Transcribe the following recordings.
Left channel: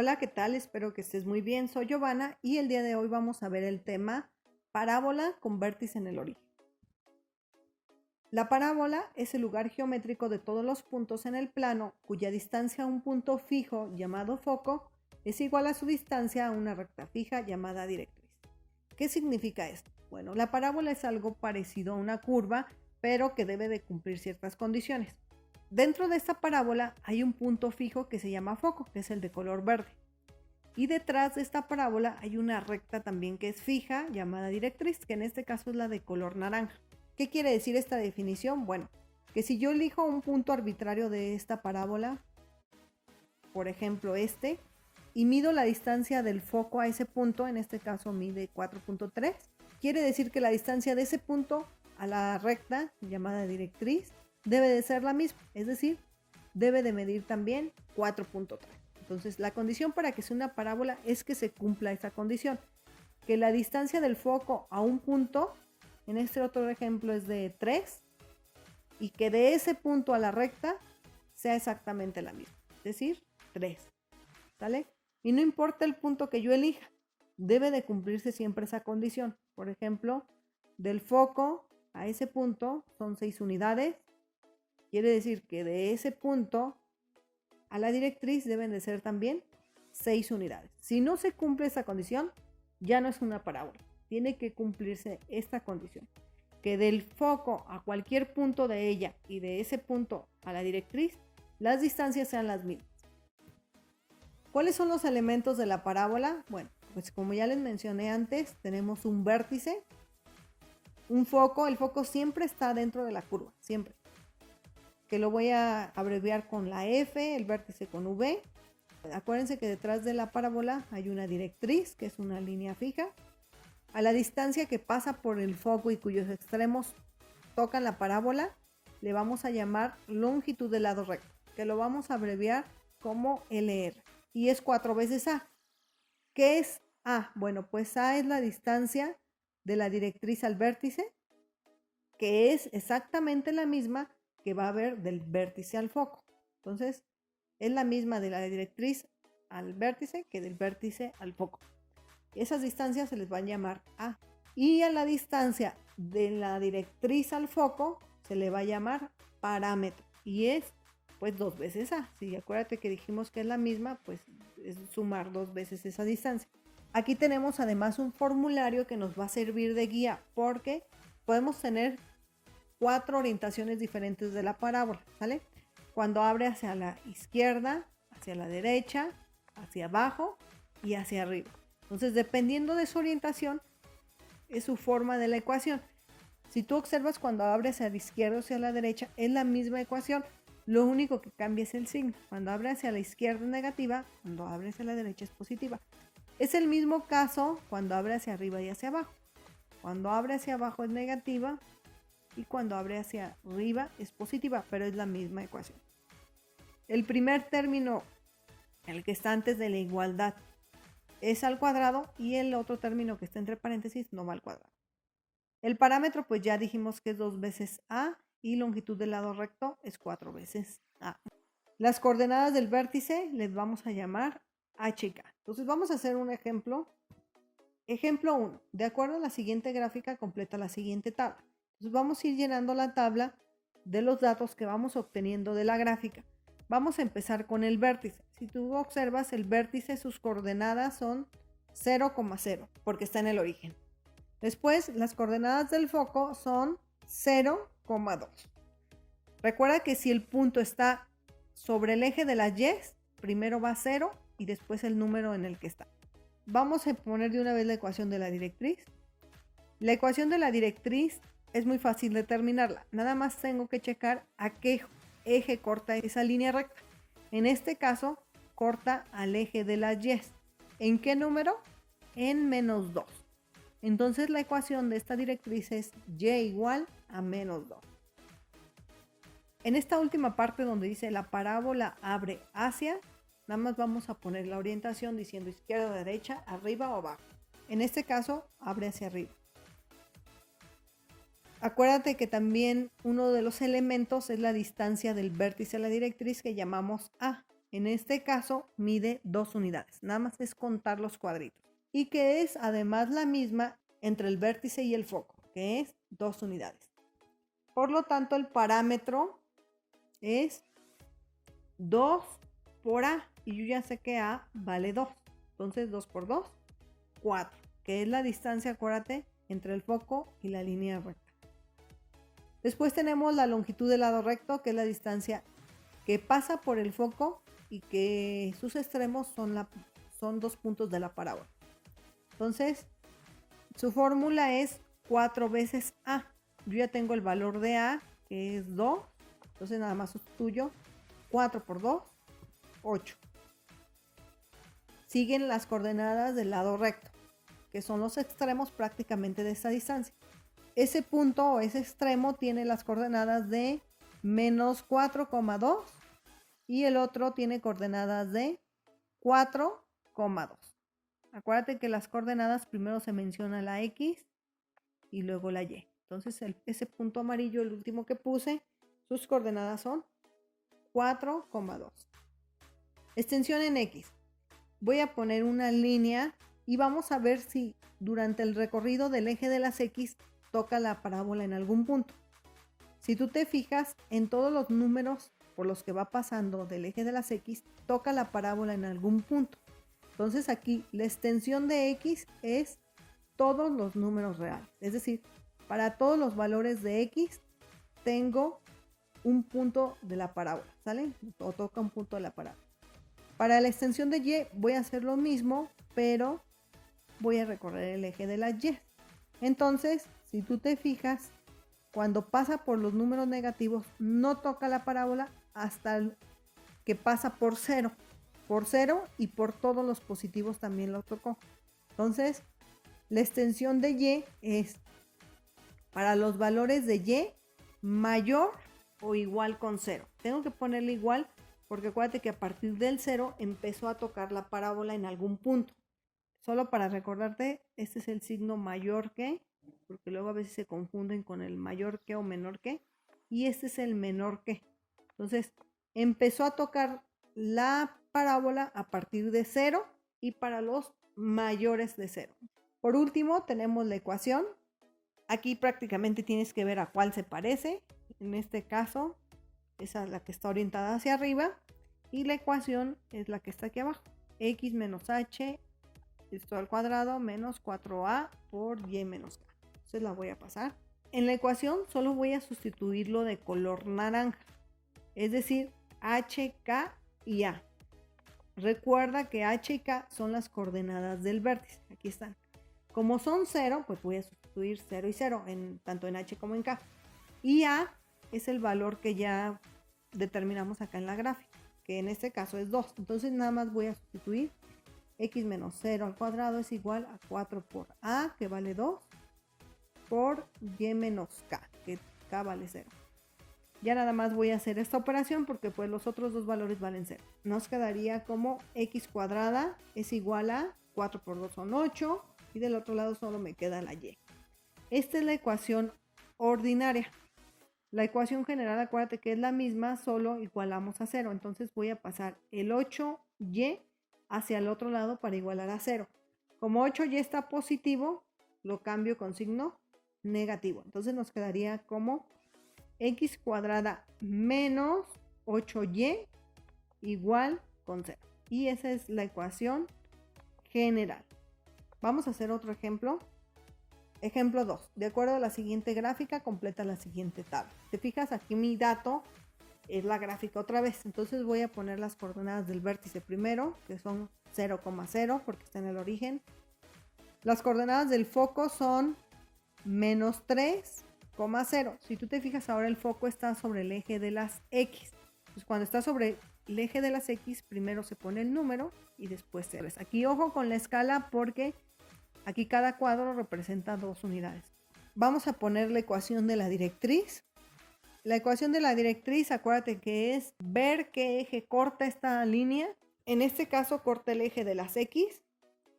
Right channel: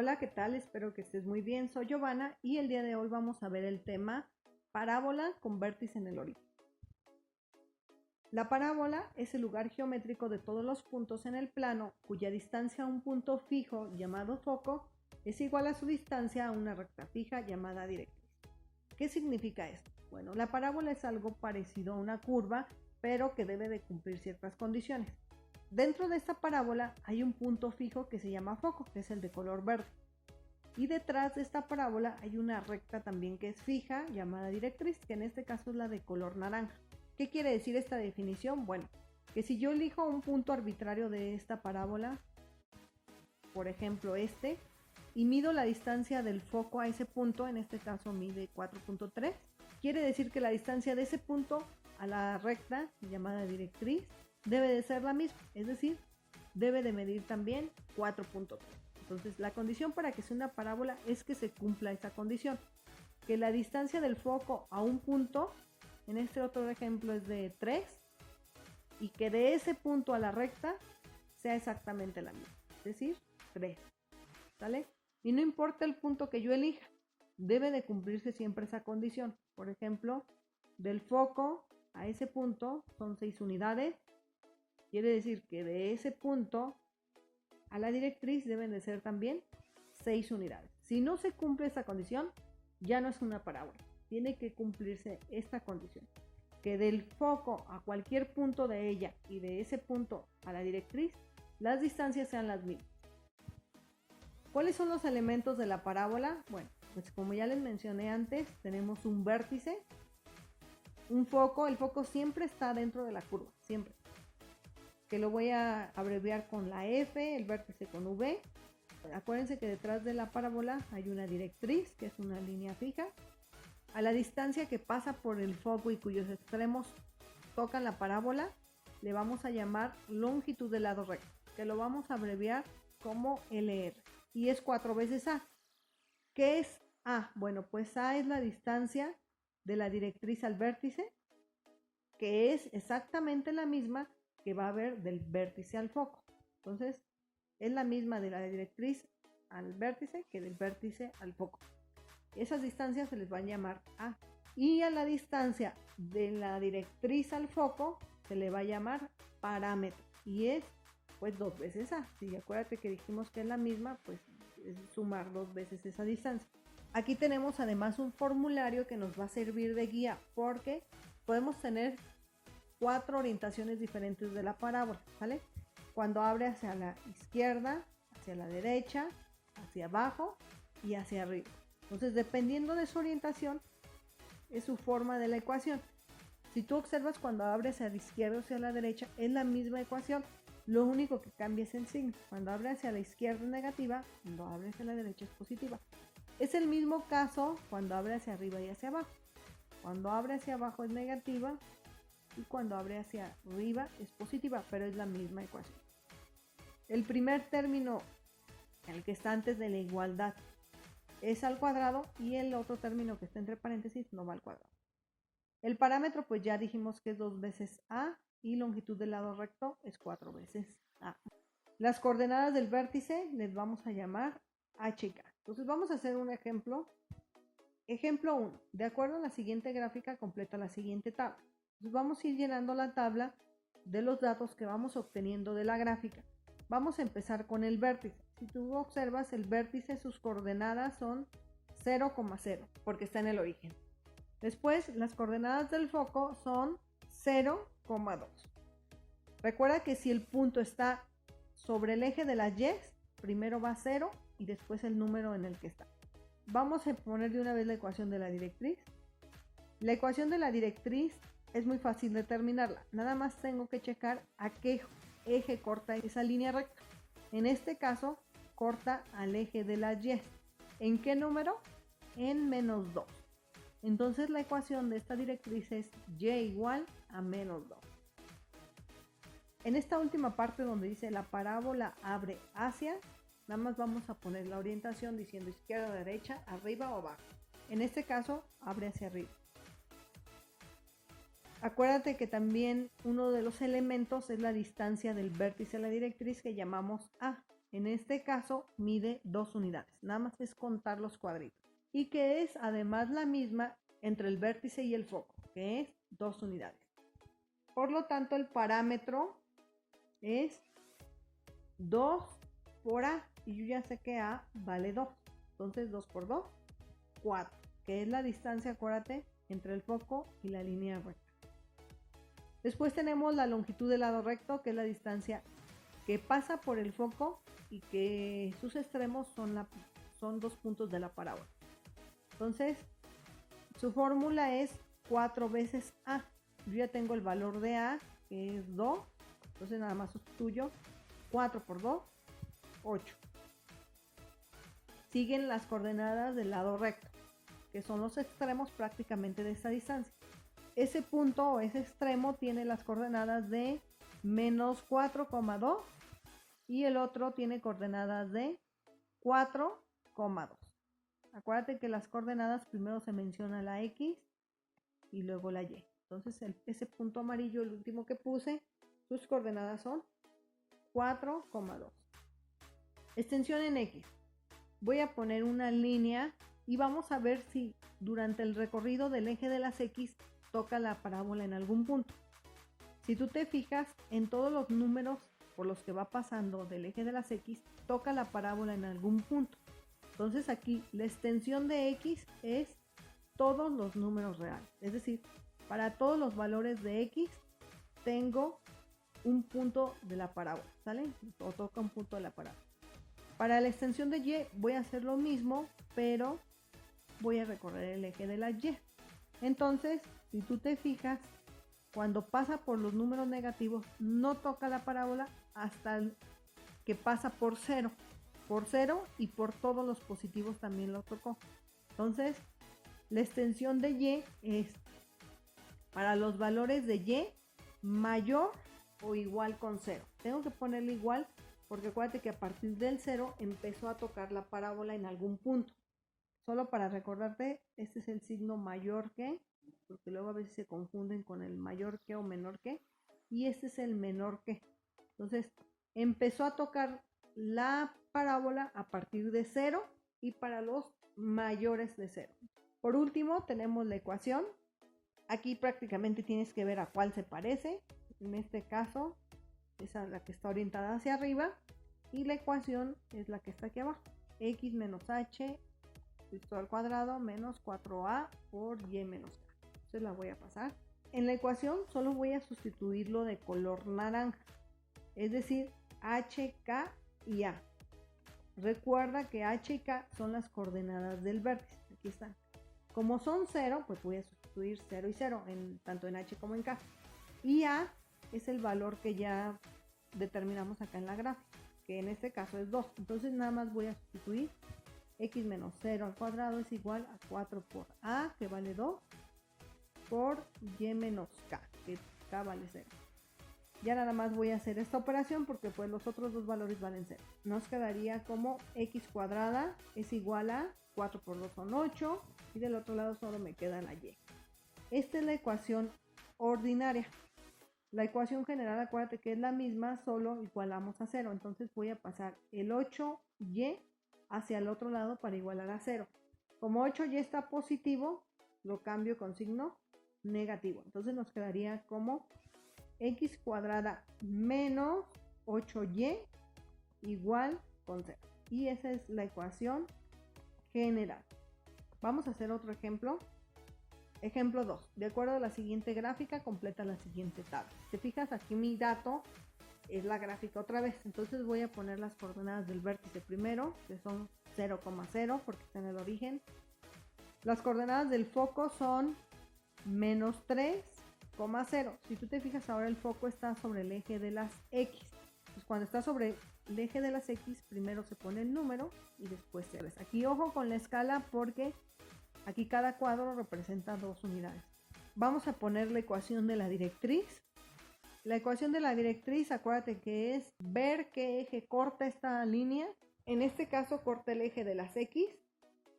Hola, ¿qué tal? Espero que estés muy bien. Soy Giovanna y el día de hoy vamos a ver el tema parábola con vértice en el origen. La parábola es el lugar geométrico de todos los puntos en el plano cuya distancia a un punto fijo llamado foco es igual a su distancia a una recta fija llamada directriz. ¿Qué significa esto? Bueno, la parábola es algo parecido a una curva, pero que debe de cumplir ciertas condiciones. Dentro de esta parábola hay un punto fijo que se llama foco, que es el de color verde. Y detrás de esta parábola hay una recta también que es fija, llamada directriz, que en este caso es la de color naranja. ¿Qué quiere decir esta definición? Bueno, que si yo elijo un punto arbitrario de esta parábola, por ejemplo y mido la distancia del foco a ese punto, en este caso mide 4.3, quiere decir que la distancia de ese punto a la recta, llamada directriz, debe de ser la misma, es decir, debe de medir también 4.3. Entonces, la condición para que sea una parábola es que se cumpla esta condición, que la distancia del foco a un punto, en este otro ejemplo es de 3, y que de ese punto a la recta sea exactamente la misma, es decir, 3. ¿Sale? Y no importa el punto que yo elija, debe de cumplirse siempre esa condición. Por ejemplo, del foco a ese punto son 6 unidades. Quiere decir que de ese punto a la directriz deben de ser también 6 unidades. Si no se cumple esa condición, ya no es una parábola. Tiene que cumplirse esta condición, que del foco a cualquier punto de ella y de ese punto a la directriz, las distancias sean las mismas. ¿Cuáles son los elementos de la parábola? Bueno, pues como ya les mencioné antes, tenemos un vértice, un foco. El foco siempre está dentro de la curva, siempre. Que lo voy a abreviar con la F, el vértice con V. Acuérdense que detrás de la parábola hay una directriz, que es una línea fija. A la distancia que pasa por el foco y cuyos extremos tocan la parábola, le vamos a llamar longitud del lado recto, que lo vamos a abreviar como LR. Y es 4 veces A. ¿Qué es A? Bueno, pues A es la distancia de la directriz al vértice, que es exactamente la misma que va a haber del vértice al foco. Entonces, es la misma de la directriz al vértice que del vértice al foco. Esas distancias se les va a llamar A. Y a la distancia de la directriz al foco se le va a llamar parámetro. Y es pues 2 veces A. Si acuérdate que dijimos que es la misma, pues es sumar 2 veces esa distancia. Aquí tenemos además un formulario que nos va a servir de guía, porque podemos tener 4 orientaciones diferentes de la parábola, ¿sale? Cuando abre hacia la izquierda, hacia la derecha, hacia abajo y hacia arriba. Entonces, dependiendo de su orientación, es su forma de la ecuación. Si tú observas, cuando abre hacia la izquierda o hacia la derecha, es la misma ecuación. Lo único que cambia es el signo. Cuando abre hacia la izquierda es negativa, cuando abre hacia la derecha es positiva. Es el mismo caso cuando abre hacia arriba y hacia abajo. Cuando abre hacia abajo es negativa y cuando abre hacia arriba es positiva, pero es la misma ecuación. El primer término, el que está antes de la igualdad, es al cuadrado, y el otro término que está entre paréntesis no va al cuadrado. El parámetro, pues ya dijimos que es 2 veces A, y longitud del lado recto es 4 veces A. Las coordenadas del vértice les vamos a llamar H y K. Entonces vamos a hacer un ejemplo. Ejemplo 1. De acuerdo a la siguiente gráfica, completa la siguiente tabla. Entonces vamos a ir llenando la tabla de los datos que vamos obteniendo de la gráfica. Vamos a empezar con el vértice. Si tú observas, el vértice, sus coordenadas son 0,0, porque está en el origen. Después, las coordenadas del foco son 0,2. Recuerda que si el punto está sobre el eje de las Y, primero va 0 y después el número en el que está. Vamos a poner de una vez la ecuación de la directriz. La ecuación de la directriz es muy fácil determinarla. Nada más tengo que checar a qué eje corta esa línea recta. En este caso, corta al eje de las Y. ¿En qué número? En -2. Entonces la ecuación de esta directriz es Y igual a -2. En esta última parte donde dice la parábola abre hacia, nada más vamos a poner la orientación diciendo izquierda, derecha, arriba o abajo. En este caso, abre hacia arriba. Acuérdate que también uno de los elementos es la distancia del vértice a la directriz, que llamamos A. en este caso mide 2 unidades. Nada más es contar los cuadritos. Y que es además la misma entre el vértice y el foco, que es 2 unidades. Por lo tanto, el parámetro es 2 por A. Y yo ya sé que A vale 2. Entonces 2 por 2, 4. Que es la distancia, acuérdate, entre el foco y la línea recta. Después tenemos la longitud del lado recto, que es la distancia que pasa por el foco y que sus extremos son 2 puntos de la parábola. Entonces, su fórmula es 4 veces A. Yo ya tengo el valor de A, que es 2. Entonces nada más sustituyo 4 por 2, 8. Siguen las coordenadas del lado recto, que son los extremos prácticamente de esta distancia. Ese punto o ese extremo tiene las coordenadas de menos 4,2 y el otro tiene coordenadas de 4,2. Acuérdate que las coordenadas primero se menciona la X y luego la Y. Entonces ese punto amarillo, el último que puse, sus coordenadas son 4,2. Extensión en X. Voy a poner una línea y vamos a ver si durante el recorrido del eje de las X toca la parábola en algún punto. Si tú te fijas, en todos los números por los que va pasando del eje de las X, toca la parábola en algún punto. Entonces aquí la extensión de X es todos los números reales. Es decir, para todos los valores de X tengo un punto de la parábola, ¿sale? O toca un punto de la parábola. Para la extensión de Y voy a hacer lo mismo, pero voy a recorrer el eje de la Y. Entonces, si tú te fijas, cuando pasa por los números negativos, no toca la parábola hasta que pasa por 0. Por 0 y por todos los positivos también lo tocó. Entonces, la extensión de Y es para los valores de Y mayor o igual con 0. Tengo que ponerle igual porque acuérdate que a partir del 0 empezó a tocar la parábola en algún punto. Solo para recordarte, este es el signo mayor que, porque luego a veces se confunden con el mayor que o menor que, y este es el menor que. Entonces, empezó a tocar la parábola a partir de 0 y para los mayores de 0. Por último, tenemos la ecuación. Aquí prácticamente tienes que ver a cuál se parece. En este caso, esa es la que está orientada hacia arriba y la ecuación es la que está aquí abajo. X menos H esto al cuadrado menos 4A por Y menos K. Entonces la voy a pasar. En la ecuación solo voy a sustituirlo de color naranja, es decir, H, K y A. Recuerda que H y K son las coordenadas del vértice. Aquí están. Como son 0, pues voy a sustituir 0 y 0, tanto en H como en K. Y A es el valor que ya determinamos acá en la gráfica, que en este caso es 2. Entonces nada más voy a sustituir X menos 0 al cuadrado es igual a 4 por A, que vale 2, por Y menos K, que K vale 0. Ya nada más voy a hacer esta operación porque pues los otros dos valores valen 0. Nos quedaría como X cuadrada es igual a 4 por 2 son 8 y del otro lado solo me queda la Y. Esta es la ecuación ordinaria. La ecuación general, acuérdate que es la misma, solo igualamos a 0. Entonces voy a pasar el 8Y hacia el otro lado para igualar a 0. Como 8Y está positivo, lo cambio con signo negativo. Entonces nos quedaría como X cuadrada menos 8Y igual con 0. Y esa es la ecuación general. Vamos a hacer otro ejemplo. Ejemplo 2. De acuerdo a la siguiente gráfica, completa la siguiente tabla. Te fijas, aquí mi dato es la gráfica otra vez. Entonces voy a poner las coordenadas del vértice primero, que son 0,0 porque está en el origen. Las coordenadas del foco son menos 3,0. Si tú te fijas, ahora el foco está sobre el eje de las X. Entonces cuando está sobre el eje de las X, primero se pone el número y después 0. Aquí ojo con la escala porque aquí cada cuadro representa 2 unidades. Vamos a poner la ecuación de la directriz. La ecuación de la directriz, acuérdate que es ver qué eje corta esta línea. En este caso corta el eje de las X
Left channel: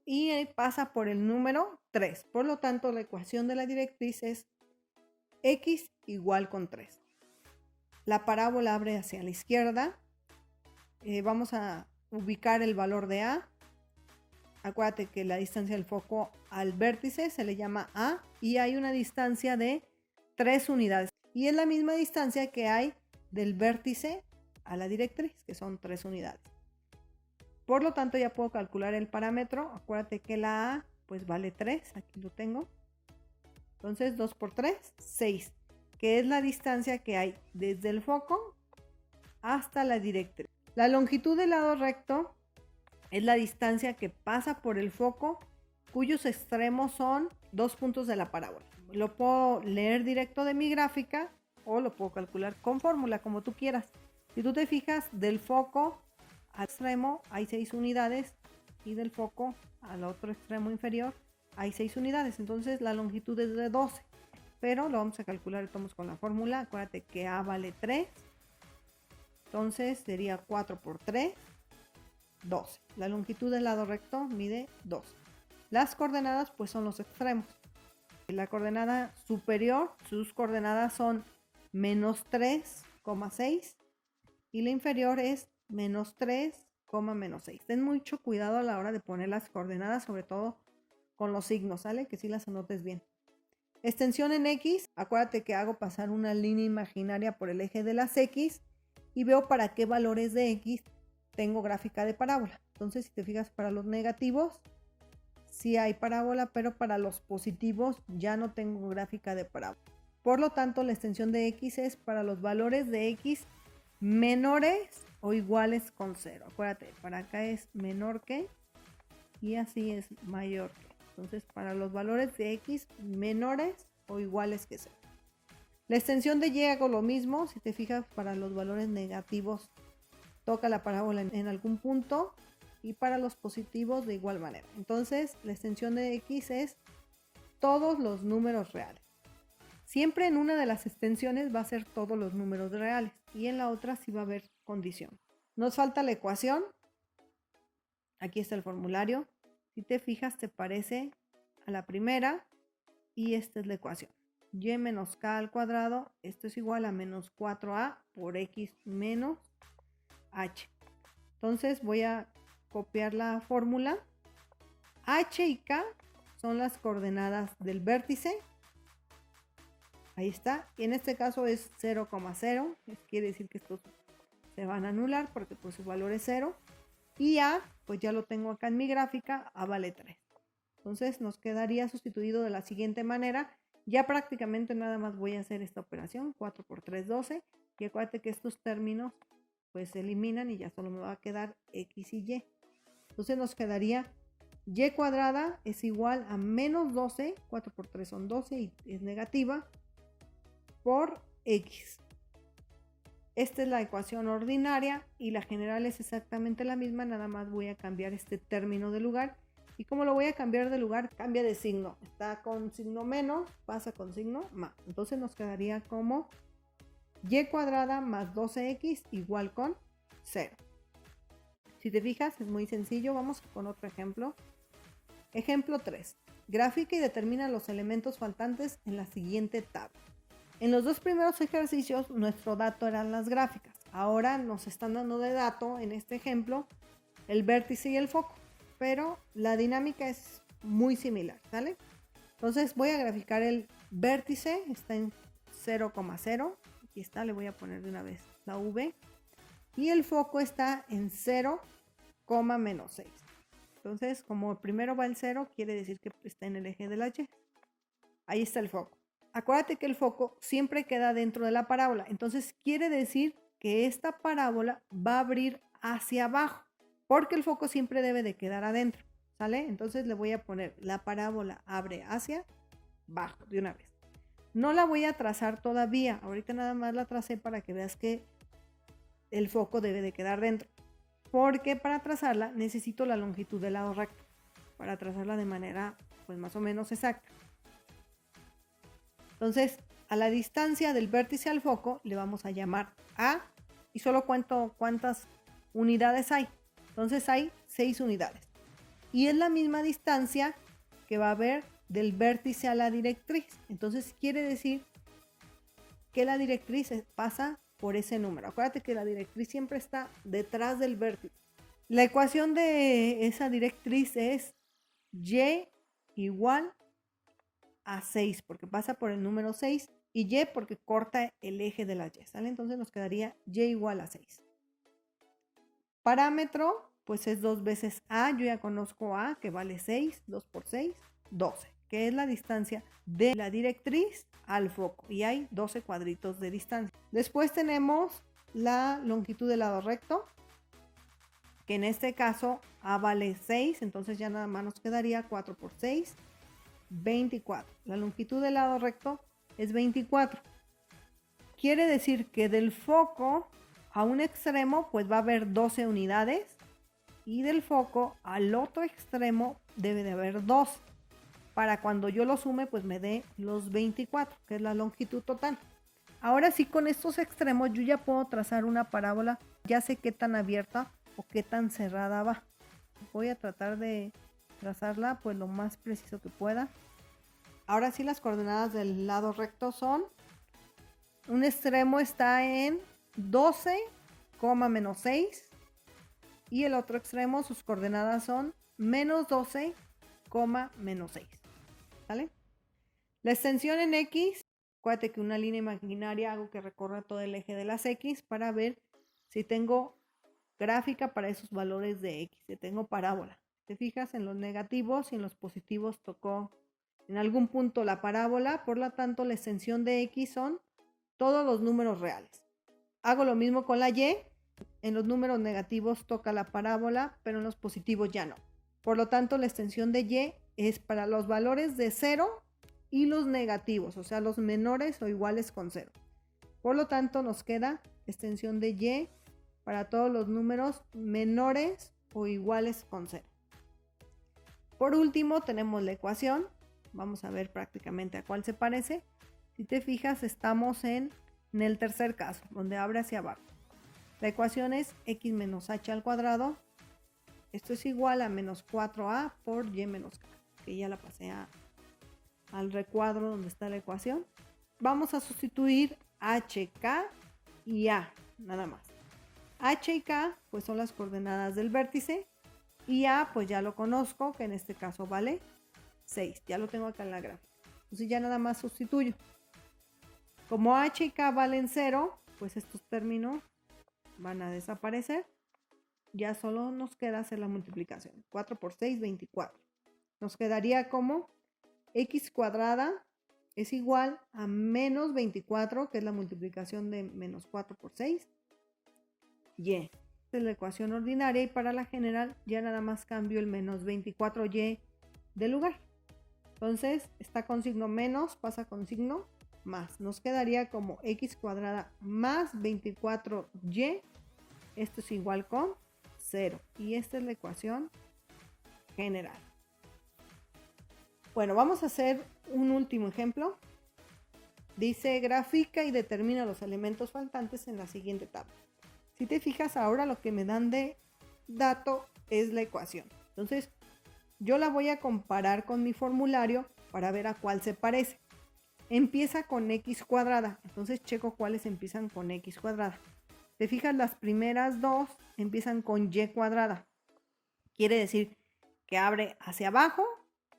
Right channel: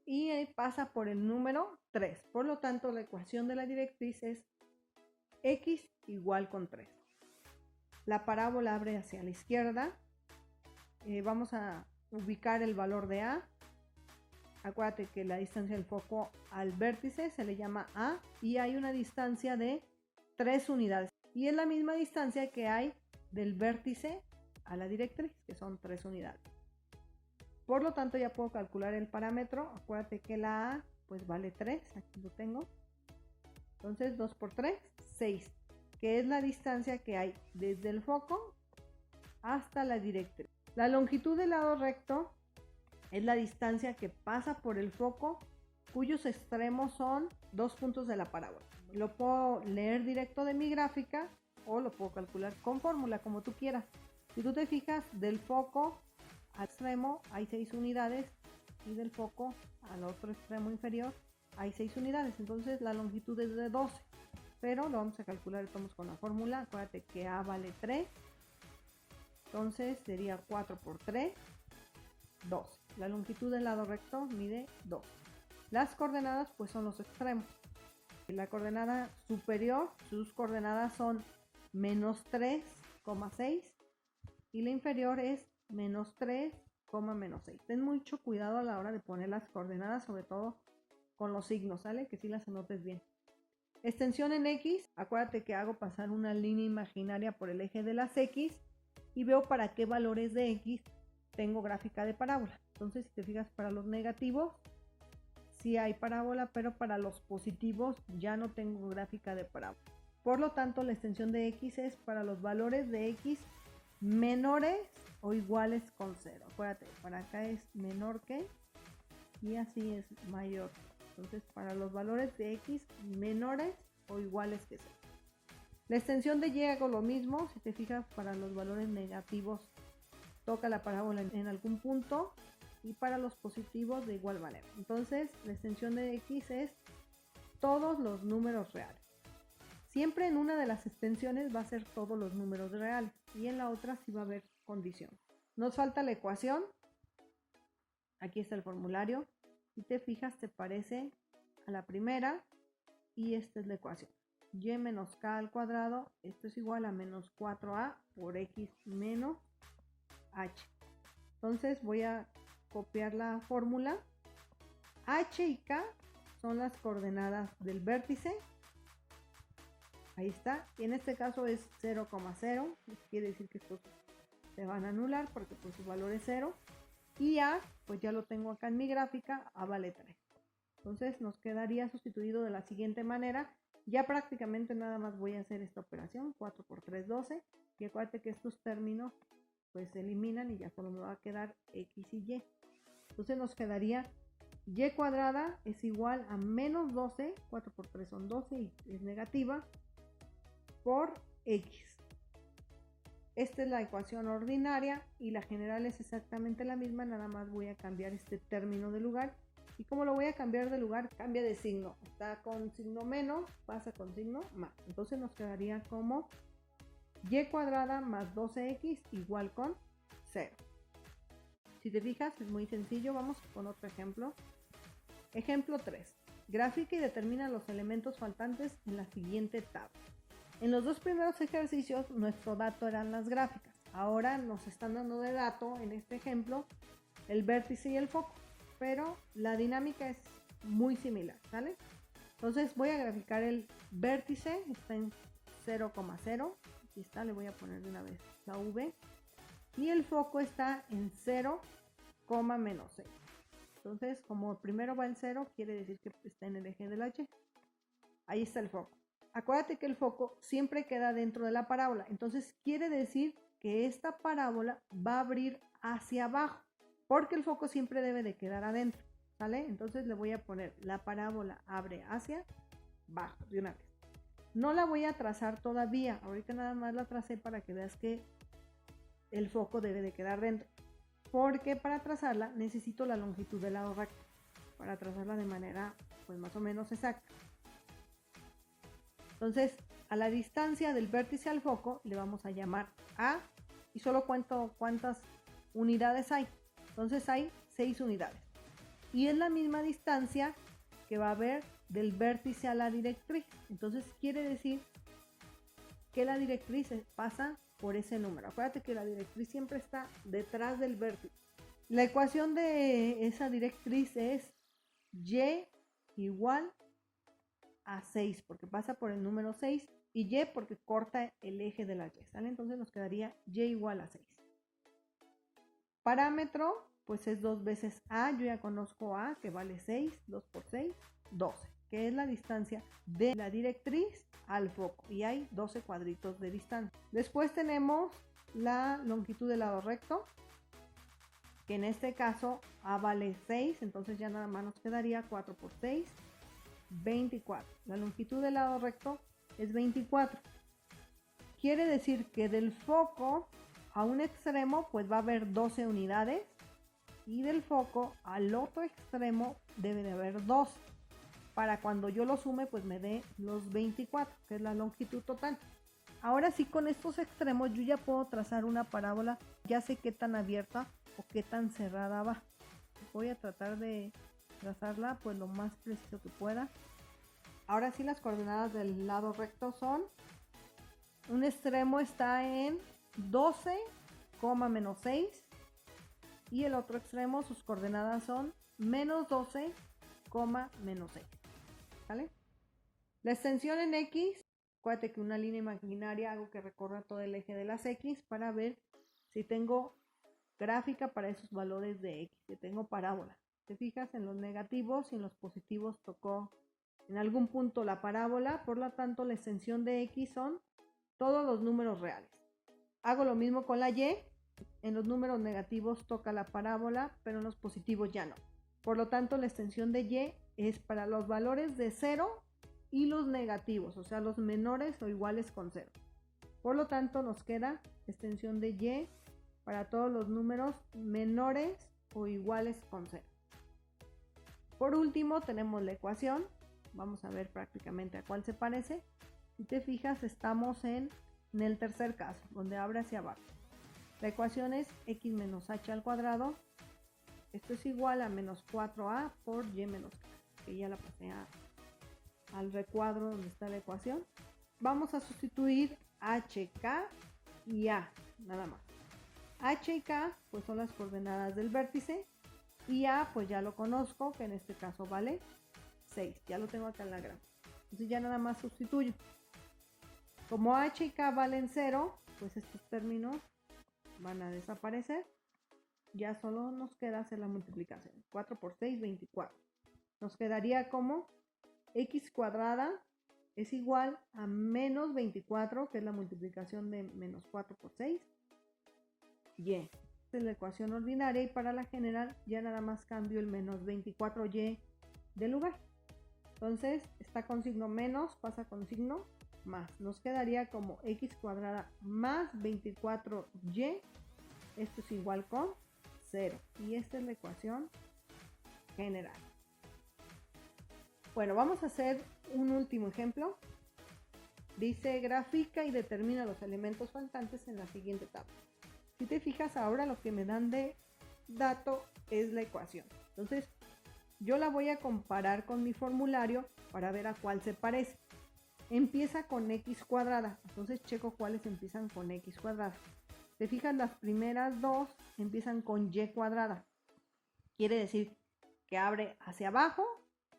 y pasa por el número 3. Por lo tanto, la ecuación de la directriz es X igual con 3. La parábola abre hacia la izquierda vamos a ubicar el valor de A. Acuérdate que la distancia del foco al vértice se le llama A y hay una distancia de 3 unidades. Y es la misma distancia que hay del vértice a la directriz, que son 3 unidades. Por lo tanto, ya puedo calcular el parámetro. Acuérdate que la A pues vale 3, aquí lo tengo. Entonces 2 por 3, 6, que es la distancia que hay desde el foco hasta la directriz. La longitud del lado recto es la distancia que pasa por el foco, cuyos extremos son 2 puntos de la parábola. Lo puedo leer directo de mi gráfica o lo puedo calcular con fórmula, como tú quieras. Si tú te fijas, del foco al extremo hay 6 unidades y del foco al otro extremo inferior hay 6 unidades. Entonces la longitud es de 12, pero lo vamos a calcular, estamos con la fórmula. Acuérdate que A vale 3, entonces sería 4 por 3, 12. La longitud del lado recto mide 12. Las coordenadas pues son los extremos. La coordenada superior, sus coordenadas son menos 3,6 y la inferior es menos 3, menos 6. Ten mucho cuidado a la hora de poner las coordenadas, sobre todo con los signos, ¿sale? Que sí las anotes bien. Extensión en X, acuérdate que hago pasar una línea imaginaria por el eje de las X y veo para qué valores de X tengo gráfica de parábola. Entonces, si te fijas, para los negativos sí hay parábola, pero para los positivos ya no tengo gráfica de parábola. Por lo tanto, la extensión de X es para los valores de X menores o iguales con 0. Acuérdate, para acá es menor que y así es mayor que. Entonces, para los valores de X menores o iguales que 0. La extensión de Y hago lo mismo. Si te fijas, para los valores negativos toca la parábola en algún punto y para los positivos de igual manera. Entonces, la extensión de X es todos los números reales. Siempre en una de las extensiones va a ser todos los números reales y en la otra sí va a haber condición. Nos falta la ecuación. Aquí está el formulario. Si te fijas, te parece a la primera y esta es la ecuación. Y menos k al cuadrado, esto es igual a menos 4a por x menos h. Entonces voy a copiar la fórmula. H y k son las coordenadas del vértice. Ahí está. Y en este caso es 0,0. Quiere decir que estos se van a anular porque pues su valor es 0. Y A, pues ya lo tengo acá en mi gráfica, A vale 3. Entonces nos quedaría sustituido de la siguiente manera. Ya prácticamente nada más voy a hacer esta operación. 4 por 3, 12. Y acuérdate que estos términos pues se eliminan y ya solo me va a quedar X y Y. Entonces nos quedaría Y cuadrada es igual a menos 12. 4 por 3 son 12 y es negativa. Por X. Esta es la ecuación ordinaria y la general es exactamente la misma, nada más voy a cambiar este término de lugar. ¿Y como lo voy a cambiar de lugar? Cambia de signo. Está con signo menos, pasa con signo más. Entonces nos quedaría como y cuadrada más 12x igual con 0. Si te fijas, es muy sencillo. Vamos con otro ejemplo. Ejemplo 3. Gráfica y determina los elementos faltantes en la siguiente tabla. En los dos primeros ejercicios nuestro dato eran las gráficas. Ahora nos están dando de dato, en este ejemplo, el vértice y el foco. Pero la dinámica es muy similar, ¿sale? Entonces voy a graficar el vértice, está en 0,0. Aquí está, le voy a poner de una vez la V. Y el foco está en 0, menos 6. Entonces, como primero va el 0, quiere decir que está en el eje de la Y. Ahí está el foco. Acuérdate que el foco siempre queda dentro de la parábola. Entonces quiere decir que esta parábola va a abrir hacia abajo. Porque el foco siempre debe de quedar adentro. ¿Sale? Entonces le voy a poner la parábola abre hacia abajo de una vez. No la voy a trazar todavía. Ahorita nada más la tracé para que veas que el foco debe de quedar dentro. Porque para trazarla necesito la longitud del lado recto. Para trazarla de manera pues más o menos exacta. Entonces, a la distancia del vértice al foco le vamos a llamar A y solo cuento cuántas unidades hay. Entonces hay 6 unidades. Y es la misma distancia que va a haber del vértice a la directriz. Entonces quiere decir que la directriz pasa por ese número. Acuérdate que la directriz siempre está detrás del vértice. La ecuación de esa directriz es y igual a 6, porque pasa por el número 6, y y porque corta el eje de las y, ¿sale? Entonces nos quedaría y igual a 6. Parámetro, pues es 2 veces a, yo ya conozco a, que vale 6, 2 por 6, 12, que es la distancia de la directriz al foco, y hay 12 cuadritos de distancia. Después tenemos la longitud del lado recto, que en este caso a vale 6, entonces ya nada más nos quedaría 4 por 6, 24. La longitud del lado recto es 24. Quiere decir que del foco a un extremo pues va a haber 12 unidades, y del foco al otro extremo debe de haber 2. Para cuando yo lo sume pues me dé los 24, que es la longitud total. Ahora sí, con estos extremos yo ya puedo trazar una parábola, ya sé qué tan abierta o qué tan cerrada va. Voy a tratar de trazarla pues lo más preciso que pueda. Ahora sí, las coordenadas del lado recto son, un extremo está en 12, menos 6, y el otro extremo sus coordenadas son menos 12, menos 6, ¿vale? La extensión en X, acuérdate que una línea imaginaria hago que recorra todo el eje de las X para ver si tengo gráfica para esos valores de X, si tengo parábola. Te fijas, en los negativos y en los positivos tocó en algún punto la parábola, por lo tanto la extensión de X son todos los números reales. Hago lo mismo con la Y, en los números negativos toca la parábola, pero en los positivos ya no. Por lo tanto la extensión de Y es para los valores de 0 y los negativos, o sea, los menores o iguales con 0. Por lo tanto nos queda extensión de Y para todos los números menores o iguales con 0. Por último tenemos la ecuación, vamos a ver prácticamente a cuál se parece. Si te fijas, estamos en el tercer caso, donde abre hacia abajo. La ecuación es x menos h al cuadrado, esto es igual a menos 4a por y menos k, que ya la pasé al recuadro donde está la ecuación. Vamos a sustituir h, k y a, nada más. H y k pues son las coordenadas del vértice, y a pues ya lo conozco, que en este caso vale 6, ya lo tengo acá en la gráfica. Entonces ya nada más sustituyo. Como h y k valen 0, pues estos términos van a desaparecer. Ya solo nos queda hacer la multiplicación. 4 por 6, 24. Nos quedaría como x cuadrada es igual a menos 24, que es la multiplicación de menos 4 por 6. Y esta es la ecuación ordinaria, y para la general ya nada más cambio el menos 24y de lugar. Entonces está con signo menos, pasa con signo más. Nos quedaría como x cuadrada más 24y. Esto es igual con 0. Y esta es la ecuación general. Bueno, vamos a hacer un último ejemplo. Dice, grafica y determina los elementos faltantes en la siguiente tabla. Si te fijas, ahora lo que me dan de dato es la ecuación. Entonces, yo la voy a comparar con mi formulario para ver a cuál se parece. Empieza con x cuadrada, entonces checo cuáles empiezan con x cuadrada. Te fijas, las primeras dos empiezan con y cuadrada. Quiere decir que abre hacia abajo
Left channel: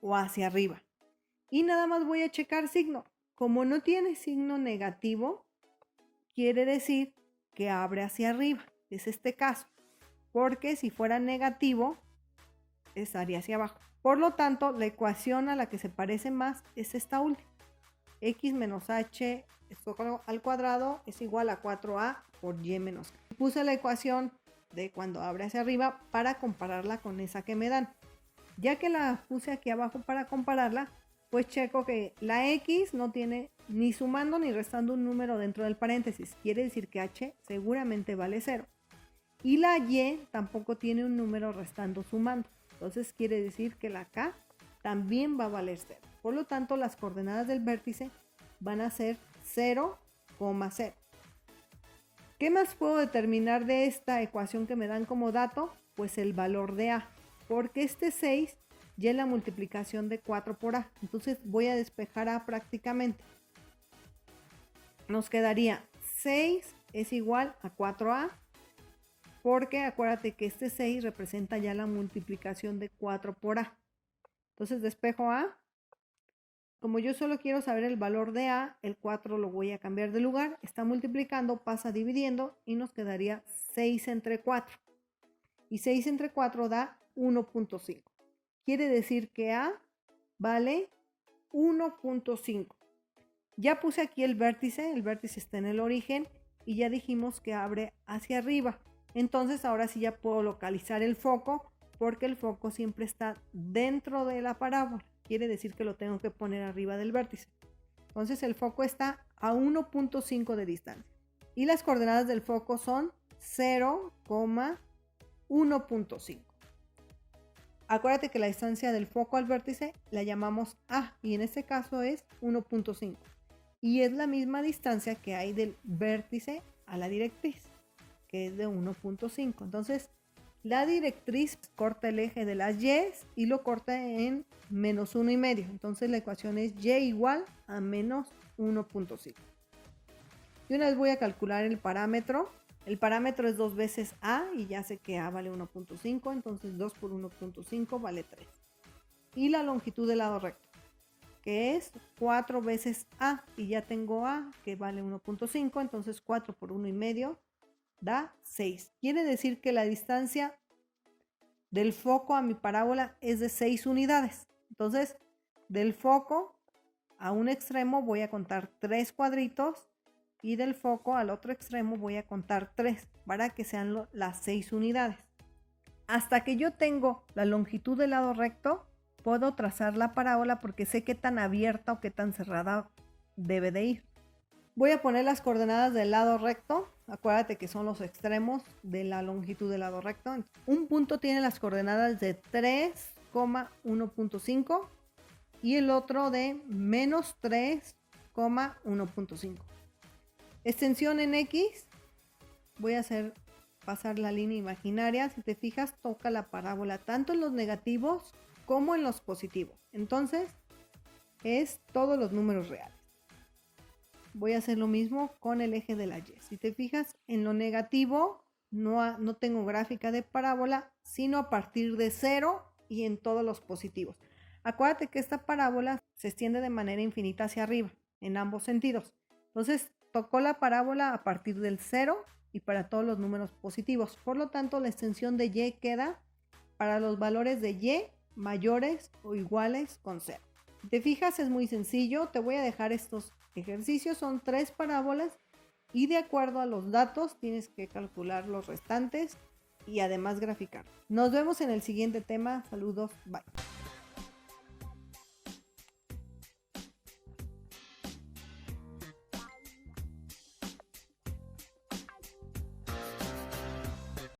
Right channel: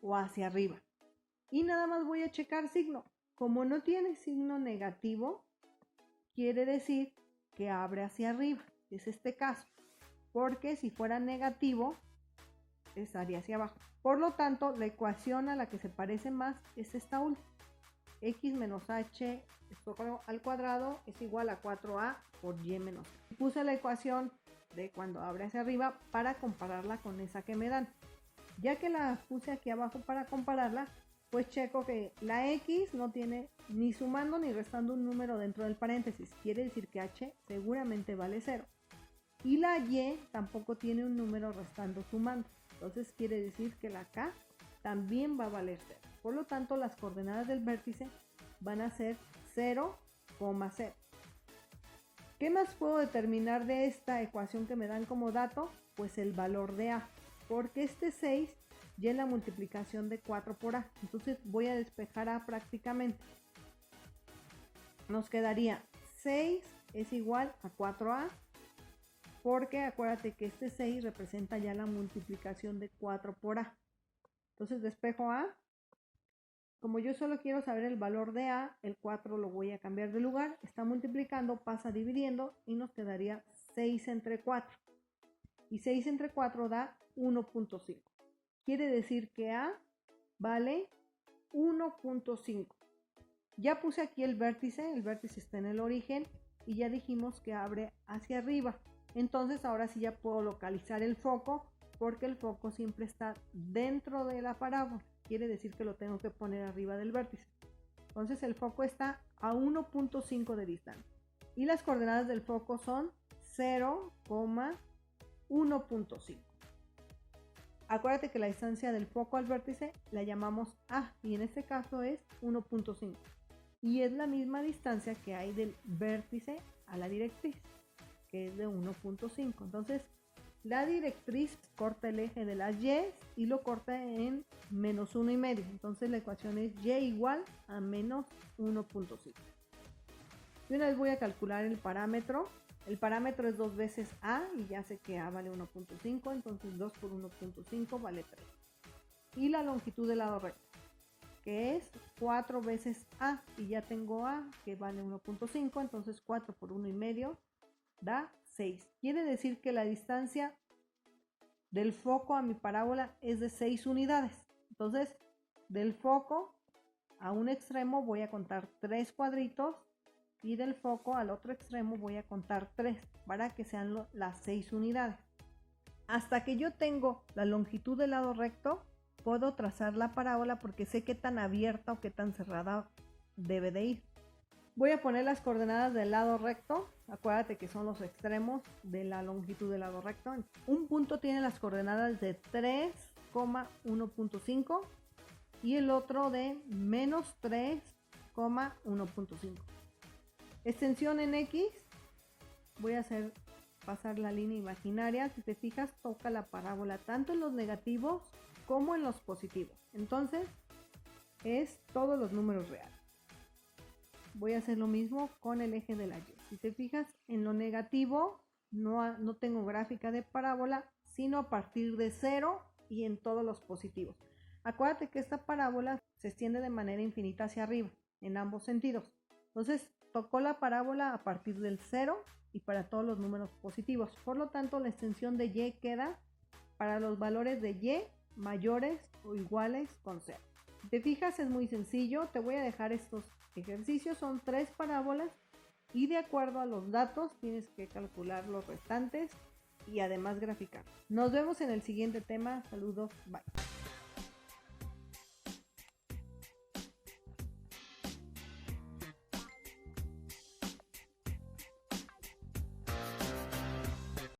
o hacia arriba. Y nada más voy a checar signo. Como no tiene signo negativo, quiere decir que abre hacia arriba. Es este caso. Porque si fuera negativo, estaría hacia abajo. Por lo tanto, la ecuación a la que se parece más es esta última. X menos h al cuadrado es igual a 4a por y menos k. Puse la ecuación de cuando abre hacia arriba para compararla con esa que me dan. Ya que la puse aquí abajo para compararla, pues checo que la x no tiene ni sumando ni restando un número dentro del paréntesis. Quiere decir que h seguramente vale 0. Y la y tampoco tiene un número restando sumando. Entonces quiere decir que la k también va a valer 0. Por lo tanto, las coordenadas del vértice van a ser 0, 0. ¿Qué más puedo determinar de esta ecuación que me dan como dato? Pues el valor de a, porque este 6 ya es la multiplicación de 4 por a. Entonces voy a despejar a prácticamente. Nos quedaría 6 es igual a 4A, porque acuérdate que este 6 representa ya la multiplicación de 4 por A. Entonces despejo A. Como yo solo quiero saber el valor de A, el 4 lo voy a cambiar de lugar. Está multiplicando, pasa dividiendo y nos quedaría 6 entre 4. Y 6 entre 4 da 1.5. Quiere decir que A vale 1.5. Ya puse aquí el vértice está en el origen y ya dijimos que abre hacia arriba. Entonces ahora sí ya puedo localizar el foco porque el foco siempre está dentro de la parábola. Quiere decir que lo tengo que poner arriba del vértice. Entonces el foco está a 1.5 de distancia. Y las coordenadas del foco son 0,1.5. Acuérdate que la distancia del foco al vértice la llamamos A y en este caso es 1.5. Y es la misma distancia que hay del vértice a la directriz, que es de 1.5. Entonces, la directriz corta el eje de las Y y lo corta en menos 1,5. Entonces, la ecuación es Y igual a menos 1.5. Y una vez voy a calcular el parámetro. El parámetro es 2 veces A y ya sé que A vale 1.5. Entonces, 2 por 1.5 vale 3. Y la longitud del lado recto, que es 4 veces A y ya tengo A que vale 1.5, entonces 4 por 1,5 da 6. Quiere decir que la distancia del foco a mi parábola es de 6 unidades. Entonces, del foco a un extremo voy a contar 3 cuadritos y del foco al otro extremo voy a contar 3 para que sean las 6 unidades. Hasta que yo tengo la longitud del lado recto, puedo trazar la parábola porque sé qué tan abierta o qué tan cerrada debe de ir. Voy a poner las coordenadas del lado recto. Acuérdate que son los extremos de la longitud del lado recto. Un punto tiene las coordenadas de 3,1.5 y el otro de menos 3,1.5. Extensión en X. Voy a pasar la línea imaginaria. Si te fijas, toca la parábola tanto en los negativos como en los positivos. Entonces, es todos los números reales. Voy a hacer lo mismo con el eje de la Y. Si te fijas, en lo negativo no tengo gráfica de parábola, sino a partir de 0 y en todos los positivos. Acuérdate que esta parábola se extiende de manera infinita hacia arriba, en ambos sentidos. Entonces, tocó la parábola a partir del 0 y para todos los números positivos. Por lo tanto, la extensión de Y queda para los valores de Y mayores o iguales con 0. Si te fijas, es muy sencillo. Te voy a dejar estos ejercicios. Son 3 parábolas y de acuerdo a los datos tienes que calcular los restantes y además graficar. Nos vemos en el siguiente tema. Saludos. Bye.